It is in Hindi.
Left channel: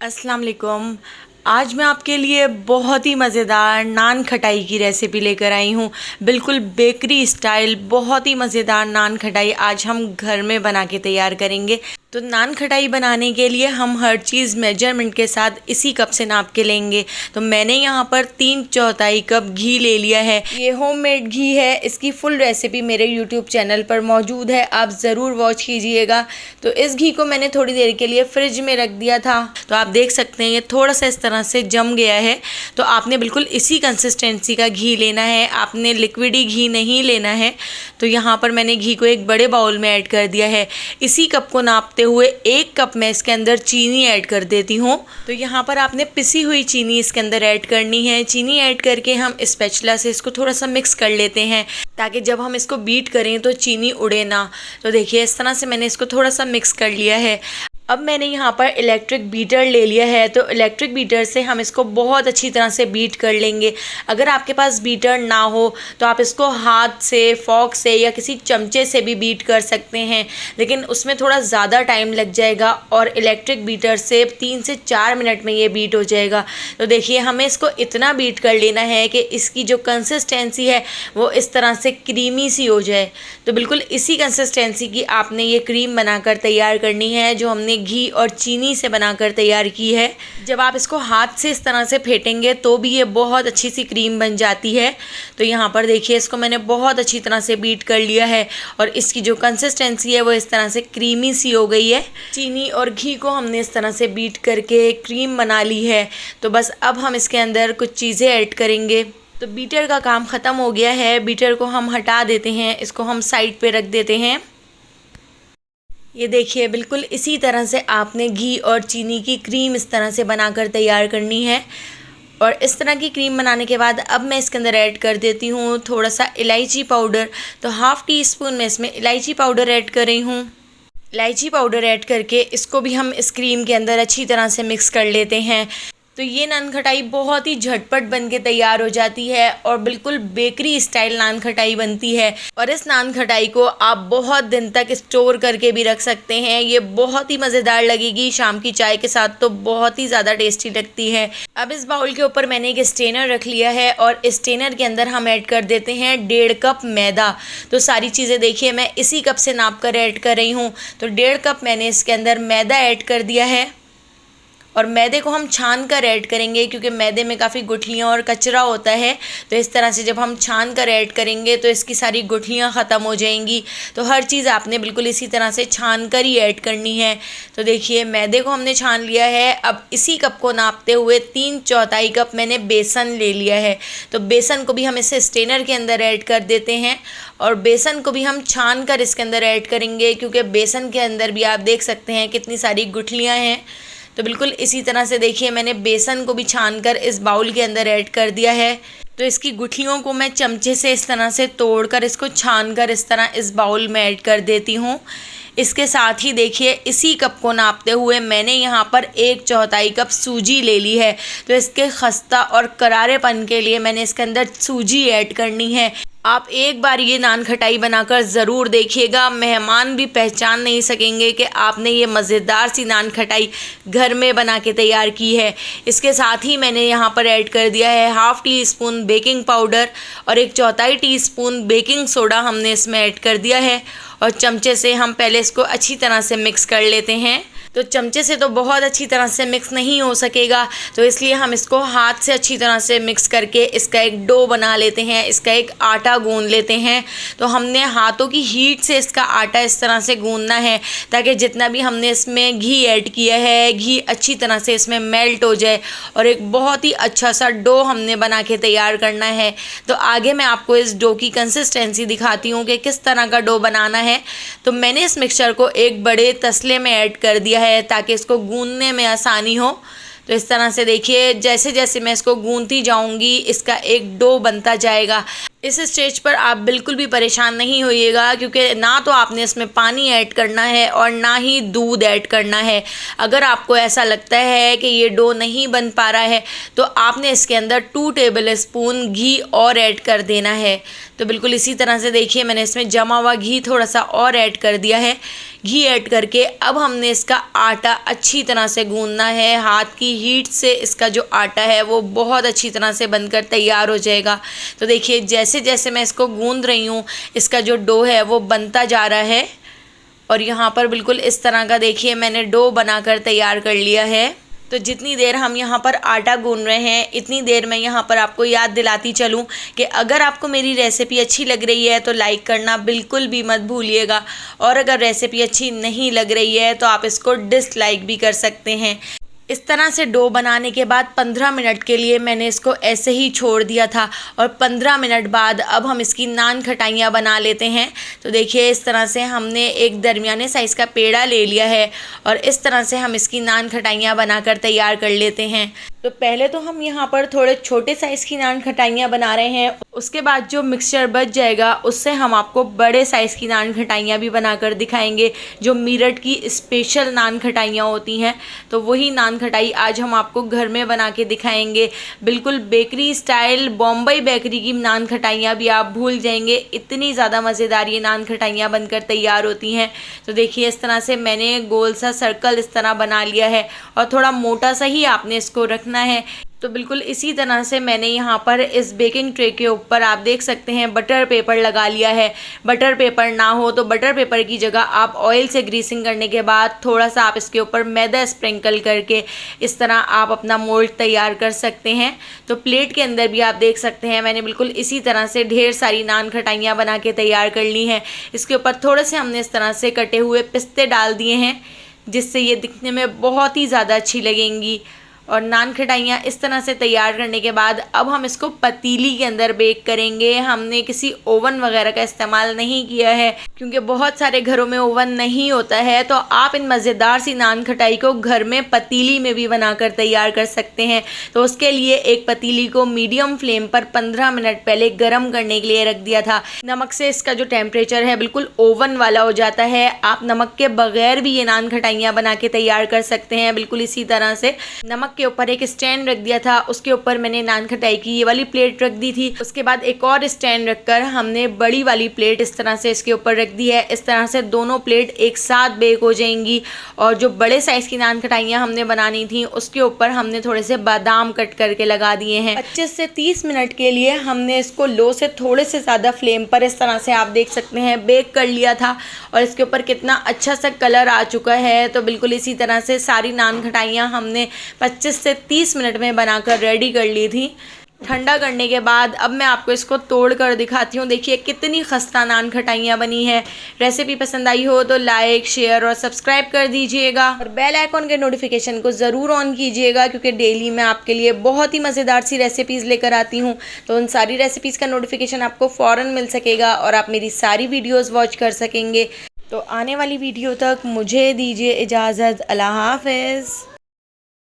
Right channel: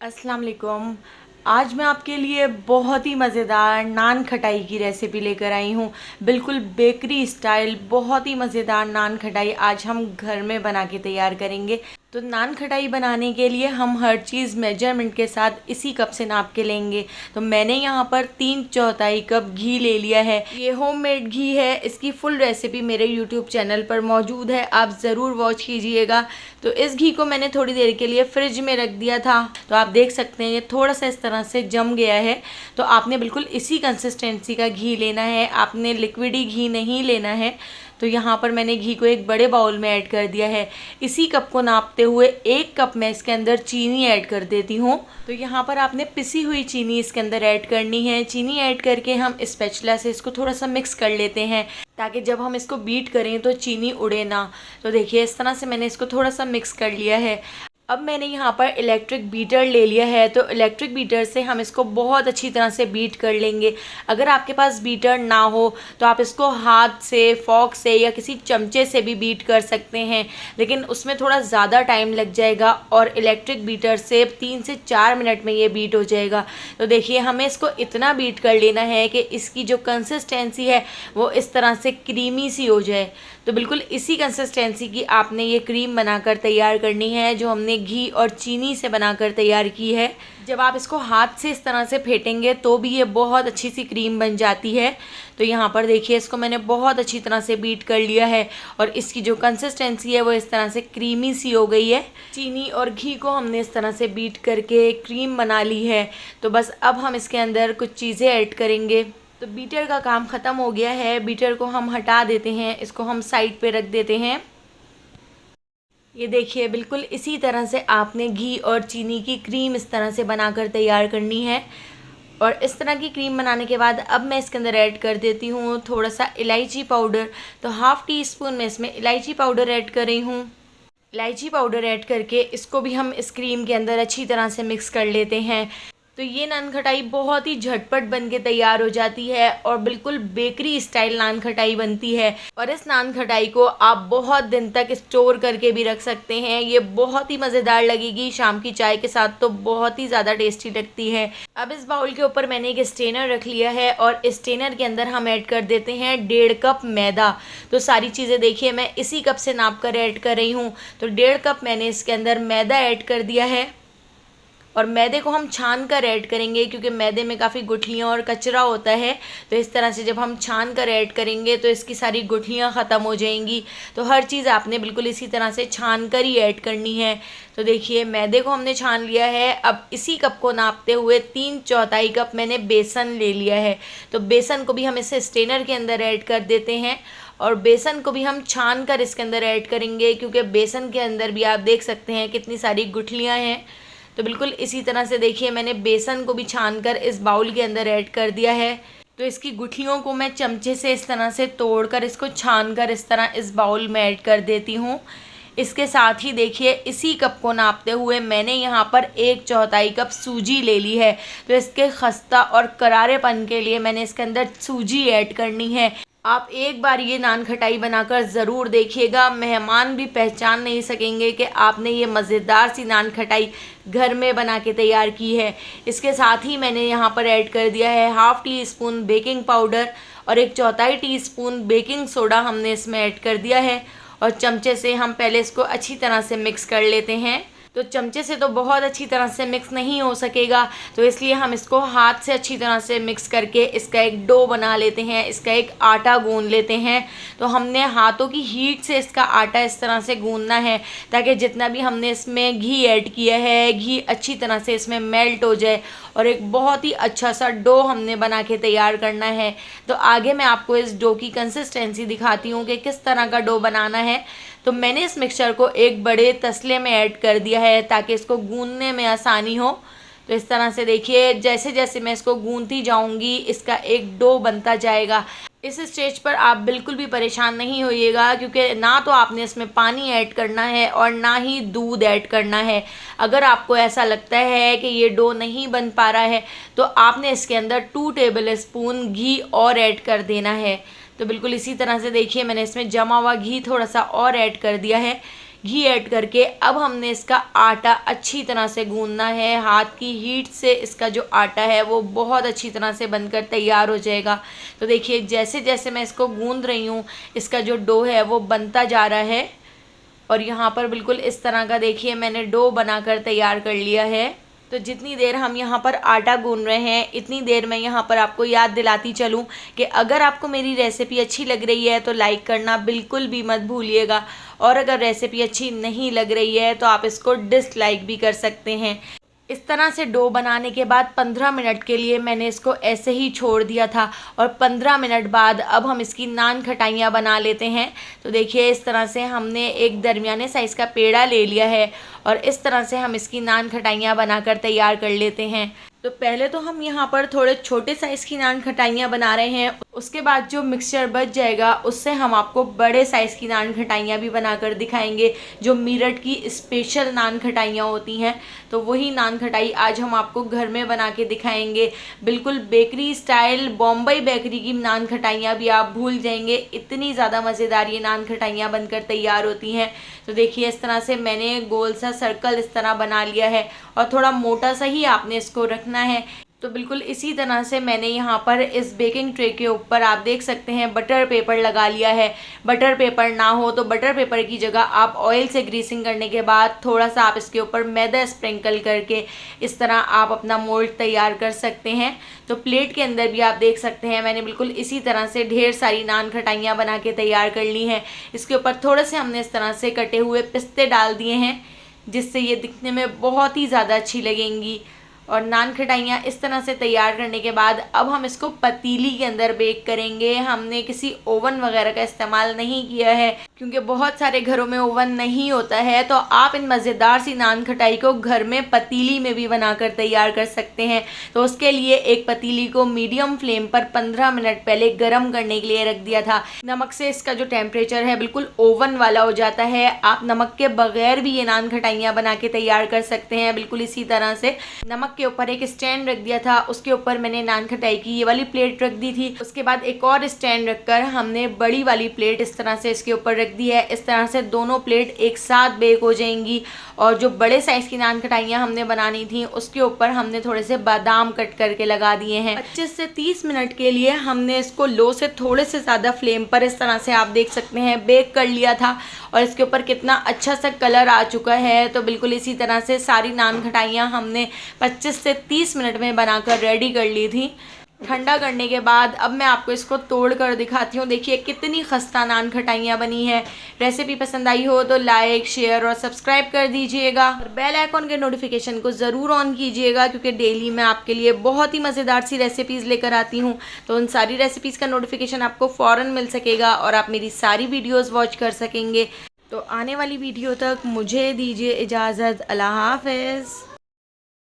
अस्सलाम वालेकुम। आज मैं आपके लिए बहुत ही मज़ेदार नान खटाई की रेसिपी लेकर आई हूँ। बिल्कुल बेकरी स्टाइल बहुत ही मज़ेदार नान खटाई आज हम घर में बना के तैयार करेंगे। तो नान खटाई बनाने के लिए हम हर चीज़ मेजरमेंट के साथ इसी कप से नाप के लेंगे। तो मैंने यहाँ पर 3/4 कप घी ले लिया है। ये होममेड घी है। इसकी फुल रेसिपी मेरे यूट्यूब चैनल पर मौजूद है, आप ज़रूर वॉच कीजिएगा। तो इस घी को मैंने थोड़ी देर के लिए फ्रिज में रख दिया था। तो आप देख सकते हैं ये थोड़ा सा इस तरह से जम गया है। तो आपने बिल्कुल इसी कंसिस्टेंसी का घी लेना है, आपने लिक्विडी घी नहीं लेना है। तो यहाँ पर मैंने घी को एक बड़े बाउल में ऐड कर दिया है। इसी कप को नापते हुए 1 कप मैं इसके अंदर चीनी ऐड कर देती हूँ। तो यहाँ पर आपने पिसी हुई चीनी इसके अंदर ऐड करनी है। चीनी ऐड करके हम स्पैचुला से इसको थोड़ा सा मिक्स कर लेते हैं, ताकि जब हम इसको बीट करें तो चीनी उड़े ना। तो देखिए इस तरह से मैंने इसको थोड़ा सा मिक्स कर लिया है। अब मैंने यहाँ पर इलेक्ट्रिक बीटर ले लिया है। तो इलेक्ट्रिक बीटर से हम इसको बहुत अच्छी तरह से बीट कर लेंगे। अगर आपके पास बीटर ना हो तो आप इसको हाथ से, फोक से या किसी चमचे से भी बीट कर सकते हैं, लेकिन उसमें थोड़ा ज़्यादा टाइम लग जाएगा और इलेक्ट्रिक बीटर से 3 से 4 मिनट में ये बीट हो जाएगा। तो देखिए हमें इसको इतना बीट कर लेना है कि इसकी जो कंसिस्टेंसी है वो इस तरह से क्रीमी सी हो जाए। तो बिल्कुल इसी कंसिस्टेंसी की आपने ये क्रीम बनाकर तैयार करनी है, जो हमने घी और चीनी से बनाकर तैयार की है। जब आप इसको हाथ से इस तरह से फेंटेंगे तो भी ये बहुत अच्छी सी क्रीम बन जाती है। तो यहाँ पर देखिए इसको मैंने बहुत अच्छी तरह से बीट कर लिया है और इसकी जो कंसिस्टेंसी है वो इस तरह से क्रीमी सी हो गई है। चीनी और घी को हमने इस तरह से बीट करके क्रीम बना ली है। तो बस अब हम इसके अंदर कुछ चीज़ें ऐड करेंगे। तो बीटर का काम ख़त्म हो गया है। बीटर को हम हटा देते हैं, इसको हम साइड पे रख देते हैं। ये देखिए बिल्कुल इसी तरह से आपने घी और चीनी की क्रीम इस तरह से बनाकर तैयार करनी है। और इस तरह की क्रीम बनाने के बाद अब मैं इसके अंदर ऐड कर देती हूँ थोड़ा सा इलायची पाउडर। तो ½ टी स्पून मैं इसमें इलायची पाउडर ऐड कर रही हूँ। इलायची पाउडर ऐड करके इसको भी हम इस क्रीम के अंदर अच्छी तरह से मिक्स कर लेते हैं। तो ये नान खटाई बहुत ही झटपट बन के तैयार हो जाती है और बिल्कुल बेकरी स्टाइल नान खटाई बनती है। और इस नान खटाई को आप बहुत दिन तक स्टोर करके भी रख सकते हैं। ये बहुत ही मज़ेदार लगेगी, शाम की चाय के साथ तो बहुत ही ज़्यादा टेस्टी लगती है। अब इस बाउल के ऊपर मैंने एक स्टेनर रख लिया है और इस स्टेनर के अंदर हम ऐड कर देते हैं 1.5 कप मैदा। तो सारी चीज़ें देखिए मैं इसी कप से नाप कर ऐड कर रही हूँ। तो 1.5 कप मैंने इसके अंदर मैदा ऐड कर दिया है और मैदे को हम छान कर ऐड करेंगे, क्योंकि मैदे में काफ़ी गुठलियाँ और कचरा होता है। तो इस तरह से जब हम छान कर ऐड करेंगे तो इसकी सारी गुठलियाँ ख़त्म हो जाएंगी। तो हर चीज़ आपने बिल्कुल इसी तरह से छान कर ही ऐड करनी है। तो देखिए मैदे को हमने छान लिया है। अब इसी कप को नापते हुए 3/4 कप मैंने बेसन ले लिया है। तो बेसन को भी हम इस स्ट्रेनर के अंदर ऐड कर देते हैं और बेसन को भी हम छान कर इसके अंदर ऐड करेंगे, क्योंकि बेसन के अंदर भी आप देख सकते हैं कितनी सारी गुठलियाँ हैं। तो बिल्कुल इसी तरह से देखिए मैंने बेसन को भी छान कर इस बाउल के अंदर ऐड कर दिया है। तो इसकी गुठलियों को मैं चमचे से इस तरह से तोड़कर इसको छान कर इस तरह इस बाउल में ऐड कर देती हूँ। इसके साथ ही देखिए इसी कप को नापते हुए मैंने यहाँ पर 1/4 कप सूजी ले ली है। तो इसके खस्ता और करारेपन के लिए मैंने इसके अंदर सूजी ऐड करनी है। आप एक बार ये नान खटाई बनाकर ज़रूर देखिएगा, मेहमान भी पहचान नहीं सकेंगे कि आपने ये मज़ेदार सी नान खटाई घर में बना के तैयार की है। इसके साथ ही मैंने यहाँ पर ऐड कर दिया है ½ टी स्पून बेकिंग पाउडर और 1/4 टीस्पून बेकिंग सोडा हमने इसमें ऐड कर दिया है। और चमचे से हम पहले इसको अच्छी तरह से मिक्स कर लेते हैं। तो चमचे से तो बहुत अच्छी तरह से मिक्स नहीं हो सकेगा, तो इसलिए हम इसको हाथ से अच्छी तरह से मिक्स करके इसका एक डो बना लेते हैं, इसका एक आटा गूंद लेते हैं। तो हमने हाथों की हीट से इसका आटा इस तरह से गूंदना है, ताकि जितना भी हमने इसमें घी ऐड किया है घी अच्छी तरह से इसमें मेल्ट हो जाए और एक बहुत ही अच्छा सा डो हमने बना के तैयार करना है। तो आगे मैं आपको इस डो की कंसिस्टेंसी दिखाती हूँ कि किस तरह का डो बनाना है। तो मैंने इस मिक्सचर को एक बड़े तसले में ऐड कर दिया है, ताकि इसको गूंदने में आसानी हो। तो इस तरह से देखिए जैसे जैसे मैं इसको गूंदती जाऊंगी इसका एक डो बनता जाएगा। इस स्टेज पर आप बिल्कुल भी परेशान नहीं होइएगा, क्योंकि ना तो आपने इसमें पानी ऐड करना है और ना ही दूध ऐड करना है। अगर आपको ऐसा लगता है कि ये डो नहीं बन पा रहा है तो आपने इसके अंदर 2 टेबल स्पून घी और ऐड कर देना है। तो बिल्कुल इसी तरह से देखिए मैंने इसमें जमा हुआ घी थोड़ा सा और ऐड कर दिया है। घी ऐड करके अब हमने इसका आटा अच्छी तरह से गूंदना है। हाथ की हीट से इसका जो आटा है वो बहुत अच्छी तरह से बनकर तैयार हो जाएगा। तो देखिए जैसे जैसे मैं इसको गूंद रही हूँ इसका जो डो है वो बनता जा रहा है और यहाँ पर बिल्कुल इस तरह का देखिए मैंने डो बनाकर तैयार कर लिया है। तो जितनी देर हम यहाँ पर आटा गूंद रहे हैं इतनी देर मैं यहाँ पर आपको याद दिलाती चलूँ कि अगर आपको मेरी रेसिपी अच्छी लग रही है तो लाइक करना बिल्कुल भी मत भूलिएगा, और अगर रेसिपी अच्छी नहीं लग रही है तो आप इसको डिसलाइक भी कर सकते हैं। इस तरह से डो बनाने के बाद 15 मिनट के लिए मैंने इसको ऐसे ही छोड़ दिया था और 15 मिनट बाद अब हम इसकी नान खटाइयाँ बना लेते हैं। तो देखिए इस तरह से हमने एक दरमियाने साइज़ का पेड़ा ले लिया है और इस तरह से हम इसकी नान खटाइयाँ बनाकर तैयार कर लेते हैं। तो पहले तो हम यहाँ पर थोड़े छोटे साइज़ की नान खटाइयाँ बना रहे हैं, उसके बाद जो मिक्सचर बच जाएगा उससे हम आपको बड़े साइज़ की नान खटाइयाँ भी बनाकर दिखाएंगे, जो मेरठ की स्पेशल नान खटाइयाँ होती हैं। तो वही नान खटाई आज हम आपको घर में बना के दिखाएंगे। बिल्कुल बेकरी स्टाइल, बॉम्बई बेकरी की नान खटाइयाँ भी आप भूल जाएंगे, इतनी ज़्यादा मज़ेदार ये नान खटाइयाँ बनकर तैयार होती हैं। तो देखिए इस तरह से मैंने गोल सा सर्कल इस तरह बना लिया है और थोड़ा मोटा सा ही आपने इसको रखना है। तो बिल्कुल इसी तरह से मैंने यहाँ पर इस बेकिंग ट्रे के ऊपर आप देख सकते हैं बटर पेपर लगा लिया है। बटर पेपर ना हो तो बटर पेपर की जगह आप ऑयल से ग्रीसिंग करने के बाद थोड़ा सा आप इसके ऊपर मैदा स्प्रिंकल करके इस तरह आप अपना मोल्ड तैयार कर सकते हैं। तो प्लेट के अंदर भी आप देख सकते हैं मैंने बिल्कुल इसी तरह से ढेर सारी नान खटाइयाँ बना के तैयार कर ली हैं। इसके ऊपर थोड़े से हमने इस तरह से कटे हुए पिस्ते डाल दिए हैं जिससे ये दिखने में बहुत ही ज़्यादा अच्छी लगेंगी। और नान खटाइयाँ इस तरह से तैयार करने के बाद अब हम इसको पतीली के अंदर बेक करेंगे। हमने किसी ओवन वगैरह का इस्तेमाल नहीं किया है क्योंकि बहुत सारे घरों में ओवन नहीं होता है। तो आप इन मज़ेदार सी नान खटाई को घर में पतीली में भी बनाकर तैयार कर सकते हैं। तो उसके लिए एक पतीली को मीडियम फ्लेम पर 15 मिनट पहले गर्म करने के लिए रख दिया था। नमक से इसका जो टेम्परेचर है बिल्कुल ओवन वाला हो जाता है। आप नमक के बगैर भी ये नान खटाइयाँ बना के तैयार कर सकते हैं। बिल्कुल इसी तरह से नमक के ऊपर एक स्टैंड रख दिया था, उसके ऊपर मैंने नान खटाई की ये वाली प्लेट रख दी थी। उसके बाद एक और स्टैंड रखकर हमने बड़ी वाली प्लेट इस तरह से इसके ऊपर रख दी है। इस तरह से दोनों प्लेट एक साथ बेक हो जाएंगी। और जो बड़े साइज़ की नान खटाइयाँ हमने बनानी थी उसके ऊपर हमने थोड़े से बादाम कट करके लगा दिए हैं। 25 से 30 मिनट के लिए हमने इसको लो से थोड़े से ज़्यादा फ्लेम पर इस तरह से आप देख सकते हैं बेक कर लिया था और इसके ऊपर कितना अच्छा सा कलर आ चुका है। तो बिल्कुल इसी तरह से सारी नान खटाइयाँ हमने 25 से 30 मिनट में बनाकर रेडी कर ली थी। ठंडा करने के बाद अब मैं आपको इसको तोड़ कर दिखाती हूँ। देखिए कितनी खस्ता नान खटाइयाँ बनी है। रेसिपी पसंद आई हो तो लाइक, शेयर और सब्सक्राइब कर दीजिएगा और बेल आइकॉन के नोटिफिकेशन को ज़रूर ऑन कीजिएगा क्योंकि डेली मैं आपके लिए बहुत ही मज़ेदार सी रेसिपीज़ लेकर आती हूँ। तो उन सारी रेसिपीज़ का नोटिफिकेशन आपको फ़ौरन मिल सकेगा और आप मेरी सारी वीडियोज़ वॉच कर सकेंगे। तो आने वाली वीडियो तक मुझे दीजिए इजाज़त। अल्लाह हाफ़िज़।